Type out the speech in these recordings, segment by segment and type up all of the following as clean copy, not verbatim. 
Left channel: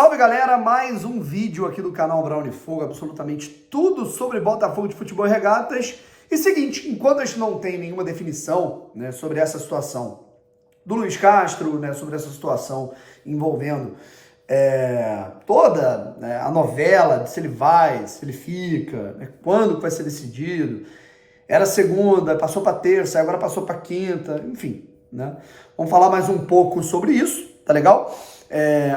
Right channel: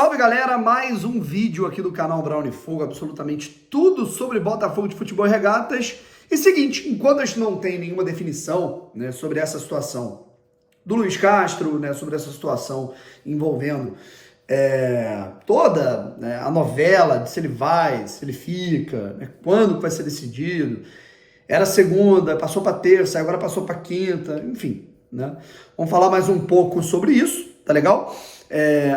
Salve galera, mais um vídeo aqui do canal Brown Fogo, absolutamente tudo sobre Botafogo de Futebol e Regatas. E seguinte, enquanto a gente não tem nenhuma definição, né, sobre essa situação do Luiz Castro, né, sobre essa situação envolvendo toda, né, a novela de se ele vai, se ele fica, né, quando vai ser decidido. Era segunda, passou para terça, agora passou para quinta, enfim, né? Vamos falar mais um pouco sobre isso, tá legal?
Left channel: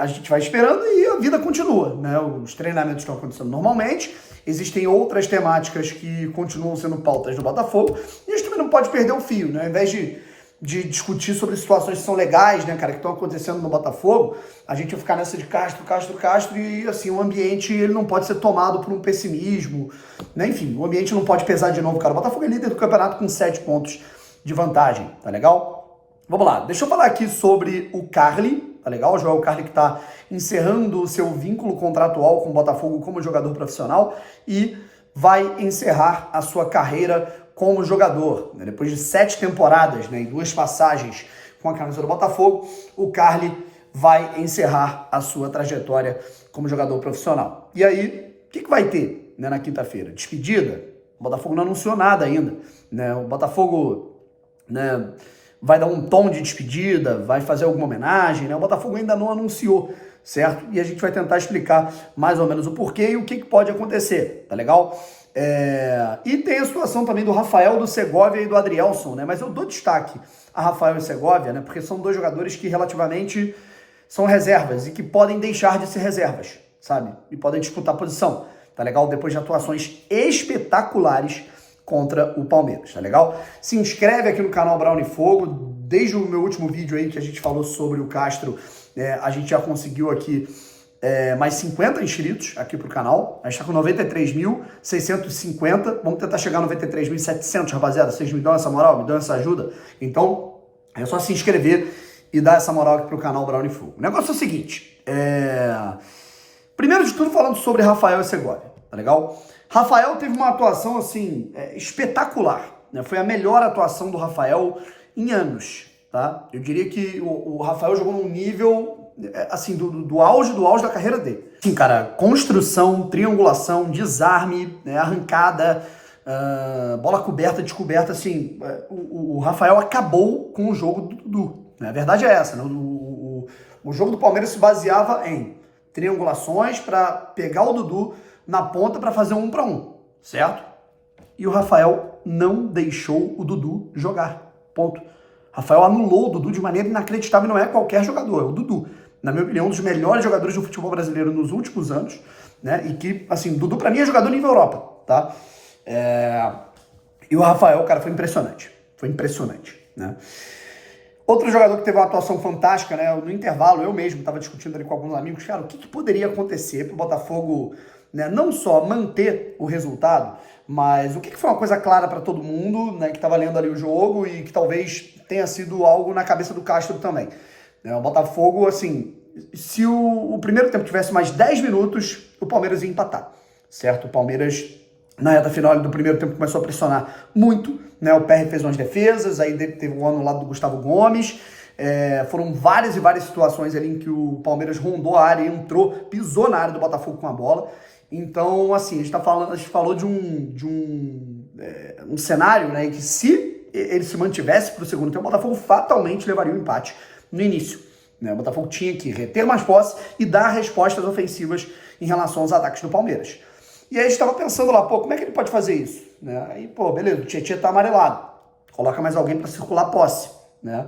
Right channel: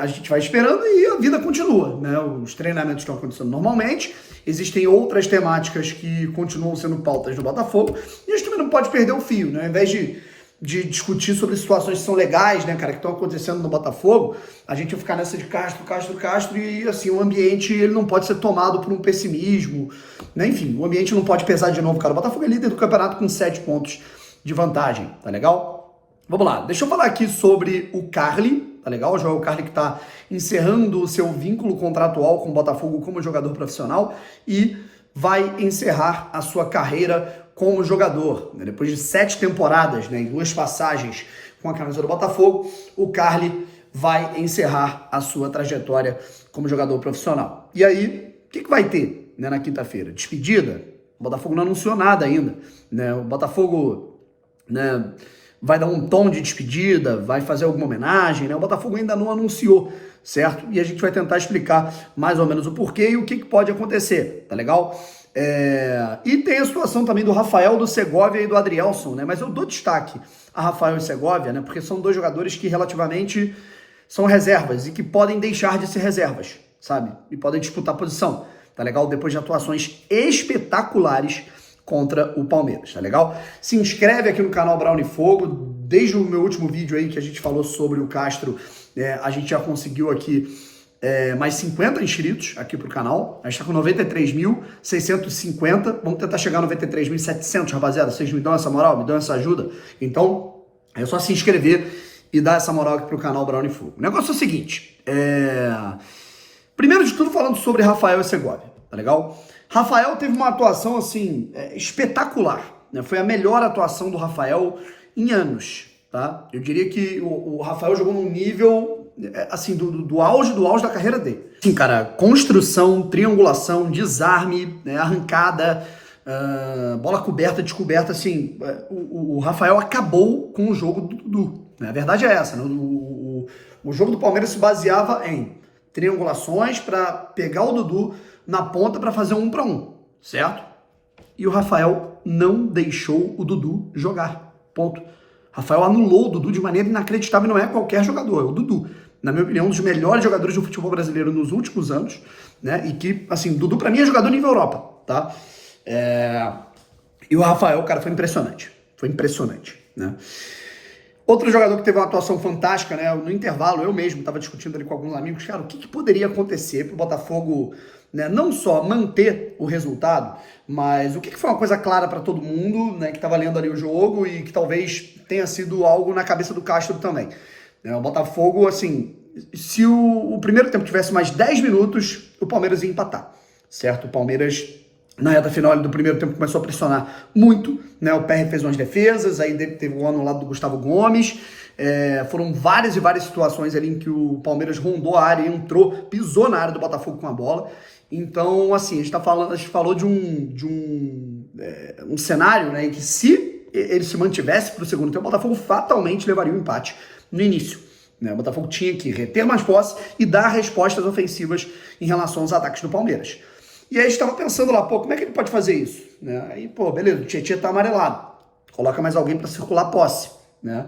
A gente vai esperando e a vida continua, né? Os treinamentos estão acontecendo normalmente, existem outras temáticas que continuam sendo pautas do Botafogo e a gente também não pode perder o fio, né? Ao invés de discutir sobre situações que são legais, né, cara, que estão acontecendo no Botafogo, a gente vai ficar nessa de Castro e, assim, o ambiente, ele não pode ser tomado por um pessimismo, né, enfim, o ambiente não pode pesar de novo, cara. O Botafogo é líder do campeonato com 7 pontos de vantagem, tá legal? Vamos lá, deixa eu falar aqui sobre o Carly, tá legal? O Joel Carly que tá encerrando o seu vínculo contratual com o Botafogo como jogador profissional e vai encerrar a sua carreira como jogador, né? Depois de 7 temporadas, né, e 2 passagens com a camisa do Botafogo, o Carly vai encerrar a sua trajetória como jogador profissional. E aí, o que vai ter, né, na quinta-feira? Despedida? O Botafogo não anunciou nada ainda, né? O Botafogo, né, vai dar um tom de despedida, vai fazer alguma homenagem, né? O Botafogo ainda não anunciou, certo? E a gente vai tentar explicar mais ou menos o porquê e o que pode acontecer, tá legal? E tem a situação também do Rafael, do Segovia e do Adrielson, né? Mas eu dou destaque a Rafael e Segovia, né? Porque são 2 jogadores que relativamente são reservas e que podem deixar de ser reservas, sabe? E podem disputar posição, tá legal? Depois de atuações espetaculares contra o Palmeiras, tá legal? Se inscreve aqui no canal Brown Fogo. Desde o meu último vídeo aí que a gente falou sobre o Castro, a gente já conseguiu aqui mais 50 inscritos aqui pro canal. A gente tá com 93.650. Vamos tentar chegar a 93.700, rapaziada. Vocês me dão essa moral, me dão essa ajuda? Então, é só se inscrever e dar essa moral aqui pro canal Brown Fogo. O negócio é o seguinte, primeiro de tudo falando sobre Rafael e Segovia, tá legal? Rafael teve uma atuação, assim, espetacular, né? Foi a melhor atuação do Rafael em anos, tá? Eu diria que o Rafael jogou num nível, assim, do auge da carreira dele. Sim, cara, construção, triangulação, desarme, né, arrancada, bola coberta, descoberta, assim, o Rafael acabou com o jogo do Dudu, né? A verdade é essa, né? O jogo do Palmeiras se baseava em triangulações para pegar o Dudu na ponta para fazer 1 para 1, certo? E o Rafael não deixou o Dudu jogar, ponto. Rafael anulou o Dudu de maneira inacreditável, não é qualquer jogador, é o Dudu. Na minha opinião, um dos melhores jogadores do futebol brasileiro nos últimos anos, né? E que, assim, Dudu pra mim é jogador nível Europa, tá? E o Rafael, cara, foi impressionante, né? Outro jogador que teve uma atuação fantástica, né? No intervalo, eu mesmo estava discutindo ali com alguns amigos, cara, o que poderia acontecer para o Botafogo, né, não só manter o resultado, mas o que foi uma coisa clara para todo mundo, né, que estava lendo ali o jogo e que talvez tenha sido algo na cabeça do Castro também. O Botafogo, assim, se o primeiro tempo tivesse mais 10 minutos, o Palmeiras ia empatar, certo? O Palmeiras, na reta final do primeiro tempo, começou a pressionar muito, né? O PR fez umas defesas, aí teve um ano no lado do Gustavo Gomes, foram várias e várias situações ali em que o Palmeiras rondou a área, entrou, pisou na área do Botafogo com a bola. Então, assim, a gente falou de um cenário, né, em que se ele se mantivesse para o segundo tempo, o Botafogo fatalmente levaria o empate no início, né? O Botafogo tinha que reter mais posse e dar respostas ofensivas em relação aos ataques do Palmeiras. E aí a gente estava pensando lá, pô, como é que ele pode fazer isso? Né? Aí, pô, beleza, o Tietchan tá amarelado, coloca mais alguém para circular a posse, né?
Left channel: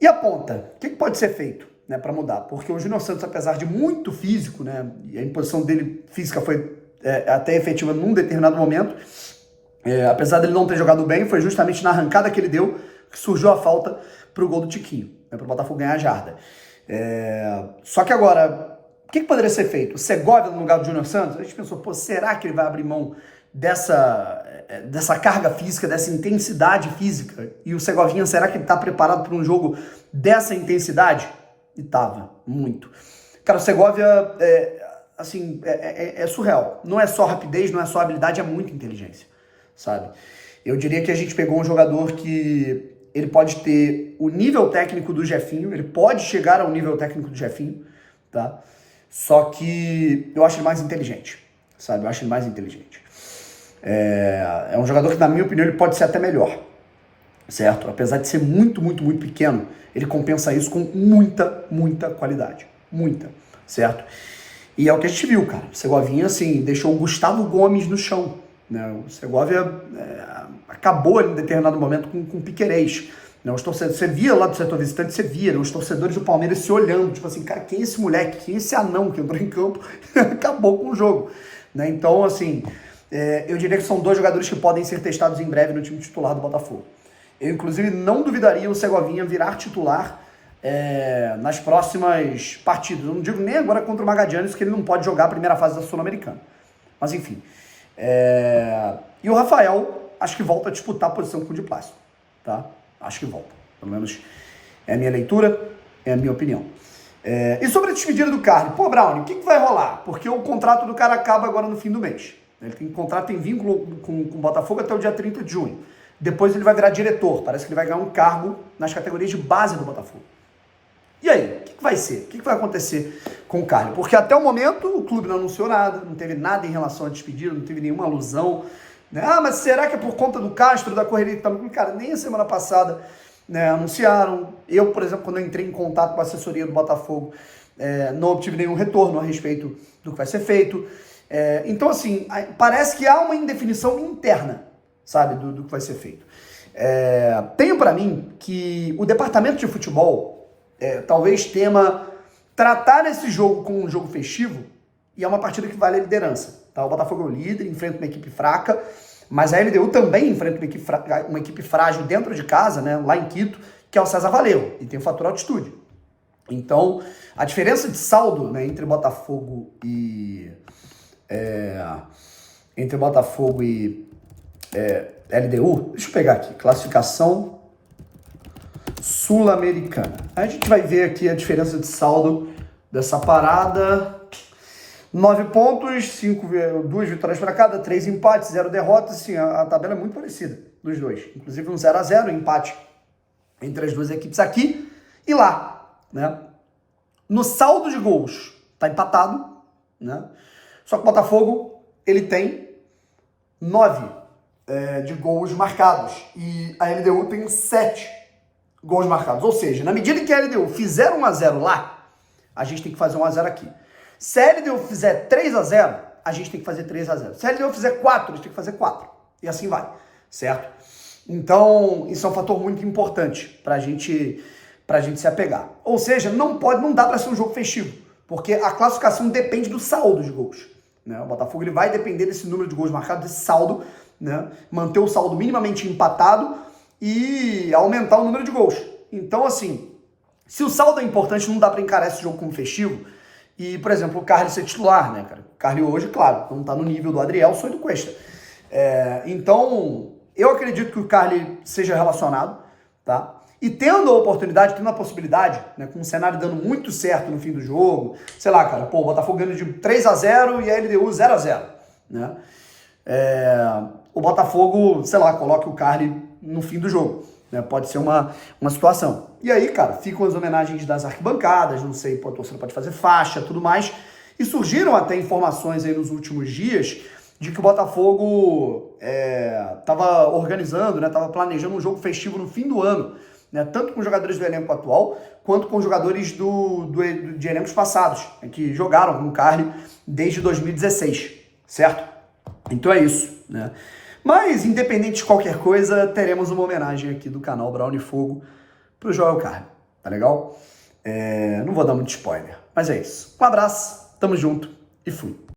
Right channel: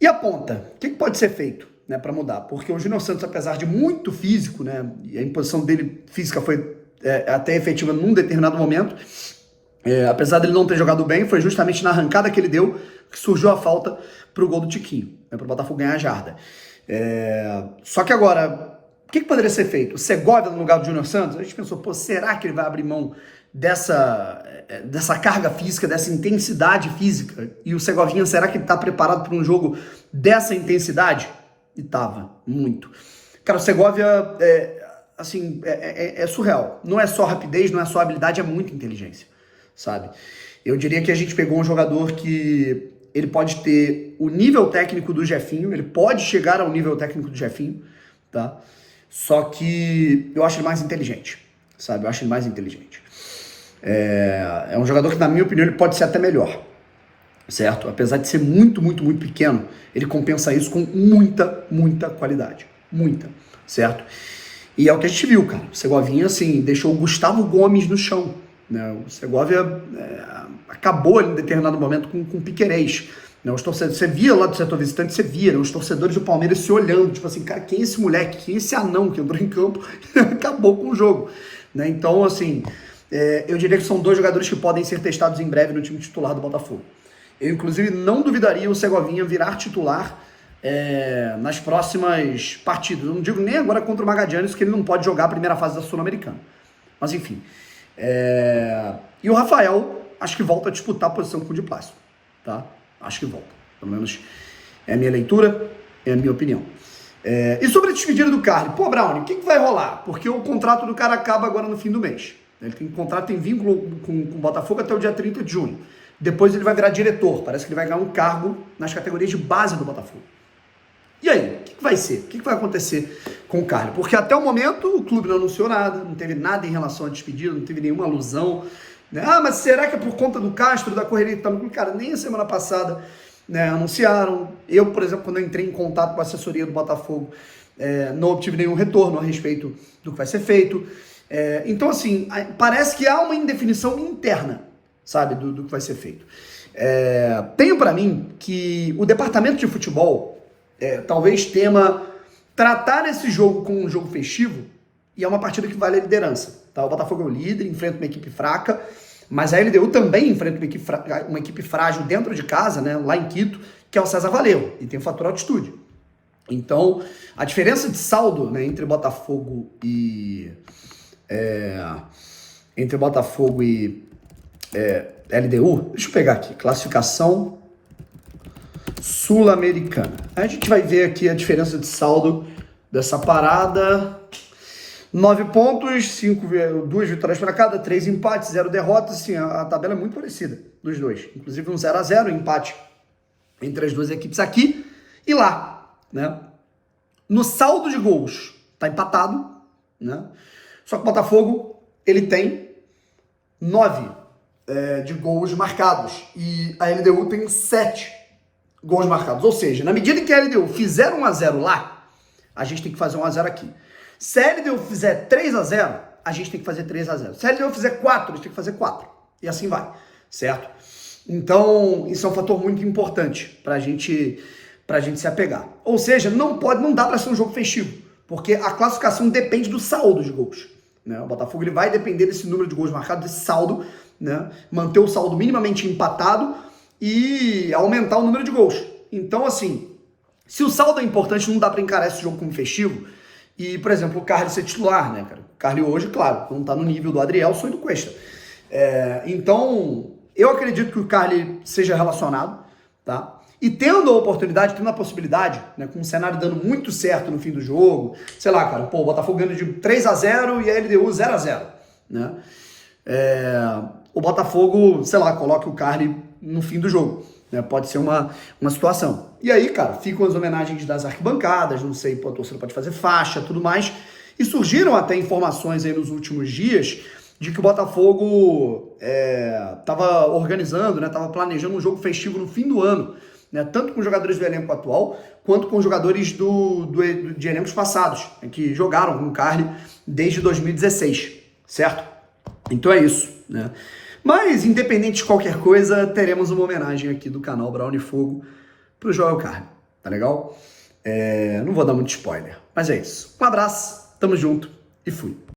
E a ponta, o que pode ser feito, né, para mudar? Porque o Júnior Santos, apesar de muito físico, né, e a imposição dele física foi até efetiva num determinado momento, apesar dele não ter jogado bem, foi justamente na arrancada que ele deu que surgiu a falta pro gol do Tiquinho, né, para o Botafogo ganhar a jarda. Só que agora, o que poderia ser feito? O Segovia no lugar do Júnior Santos? A gente pensou, pô, será que ele vai abrir mão dessa carga física, dessa intensidade física? E o Segovinha, será que ele tá preparado para um jogo dessa intensidade? E tava, muito. Cara, o Segovia, assim, é surreal. Não é só rapidez, não é só habilidade, é muita inteligência, sabe? Eu diria que a gente pegou um jogador que ele pode ter o nível técnico do Jefinho, ele pode chegar ao nível técnico do Jefinho, tá? Só que eu acho ele mais inteligente, sabe? Eu acho ele mais inteligente. É um jogador que, na minha opinião, ele pode ser até melhor, certo? Apesar de ser muito, muito, muito pequeno, ele compensa isso com muita, muita qualidade. Muita, certo? E é o que a gente viu, cara. O Segovinha, assim, deixou o Gustavo Gomes no chão, né? O Segovia acabou em determinado momento com o Piquerez. Né? Os torcedores, você via lá do setor visitante, você via, né? Os torcedores do Palmeiras se olhando, tipo assim, cara, quem é esse moleque? Quem é esse anão que entrou em campo? Acabou com o jogo. Né? Então, assim, eu diria que são dois jogadores que podem ser testados em breve no time titular do Botafogo. Eu, inclusive, não duvidaria o Segovinha virar titular nas próximas partidas. Eu não digo nem agora contra o Magadianes, que ele não pode jogar a primeira fase da Sul-Americana. Mas, enfim. E o Rafael, acho que volta a disputar a posição com o Di Plácido, tá? Acho que volta. Pelo menos é a minha leitura, é a minha opinião. E sobre a despedida do Carly? Pô, Brownie, o que vai rolar? Porque o contrato do cara acaba agora no fim do mês. Ele tem vínculo com o Botafogo até o dia 30 de junho. Depois ele vai virar diretor. Parece que ele vai ganhar um cargo nas categorias de base do Botafogo. E aí, o que vai ser? O que vai acontecer com o Carly? Porque até o momento o clube não anunciou nada, não teve nada em relação à despedida, não teve nenhuma alusão. Né? Ah, mas será que é por conta do Castro, da correria que tá no clube? Cara, nem a semana passada, né, anunciaram. Eu, por exemplo, quando eu entrei em contato com a assessoria do Botafogo, não obtive nenhum retorno a respeito do que vai ser feito. Então, assim, parece que há uma indefinição interna, sabe, do que vai ser feito. Tenho para mim que o departamento de futebol talvez tema tratar esse jogo como um jogo festivo, e é uma partida que vale a liderança. Tá? O Botafogo é o líder, enfrenta uma equipe fraca, mas a LDU também enfrenta uma equipe frágil dentro de casa, né, lá em Quito, que é o César Valeu, e tem o fator altitude. Então, a diferença de saldo, né, entre Botafogo e LDU, deixa eu pegar aqui, classificação sul-americana. Aí a gente vai ver aqui a diferença de saldo dessa parada. 9 pontos, 2 vitórias para cada, 3 empates, 0 derrotas. Assim, a tabela é muito parecida dos dois. Inclusive um 0-0, empate entre as duas equipes aqui e lá. Né? No saldo de gols, tá empatado. Né? Só que o Botafogo, ele tem 9 de gols marcados. E a LDU tem 7 gols marcados. Ou seja, na medida em que a LDU fizer 1-0 lá, a gente tem que fazer 1-0 aqui. Se a LDU fizer 3-0, a gente tem que fazer 3-0. Se a LDU fizer 4, a gente tem que fazer 4. E assim vai, certo? Então, isso é um fator muito importante pra gente se apegar. Ou seja, não dá pra ser um jogo festivo, porque a classificação depende do saldo de gols. Né? O Botafogo ele vai depender desse número de gols marcados, desse saldo, né? Manter o saldo minimamente empatado e aumentar o número de gols. Então, assim, se o saldo é importante, não dá para encarar esse jogo como festivo. E, por exemplo, o Carly ser titular, né, cara? O Carly hoje, claro, não tá no nível do Adrielson e do Cuesta. Então, eu acredito que o Carly seja relacionado, tá? E tendo a oportunidade, tendo a possibilidade, né, com o cenário dando muito certo no fim do jogo, sei lá, cara, o Botafogo ganhando de 3-0 e a LDU 0-0, né? O Botafogo, sei lá, coloca o Carly no fim do jogo, né? Pode ser uma situação. E aí, cara, ficam as homenagens das arquibancadas, não sei, a torcida pode fazer faixa, tudo mais. E surgiram até informações aí nos últimos dias de que o Botafogo estava organizando, né, estava planejando um jogo festivo no fim do ano, né, tanto com jogadores do elenco atual, quanto com jogadores de elencos passados, né, que jogaram com o Carly desde 2016, certo? Então é isso, né? Mas, independente de qualquer coisa, teremos uma homenagem aqui do canal Brownie Fogo pro Joel Carly, tá legal? Não vou dar muito spoiler, mas é isso. Um abraço, tamo junto e fui.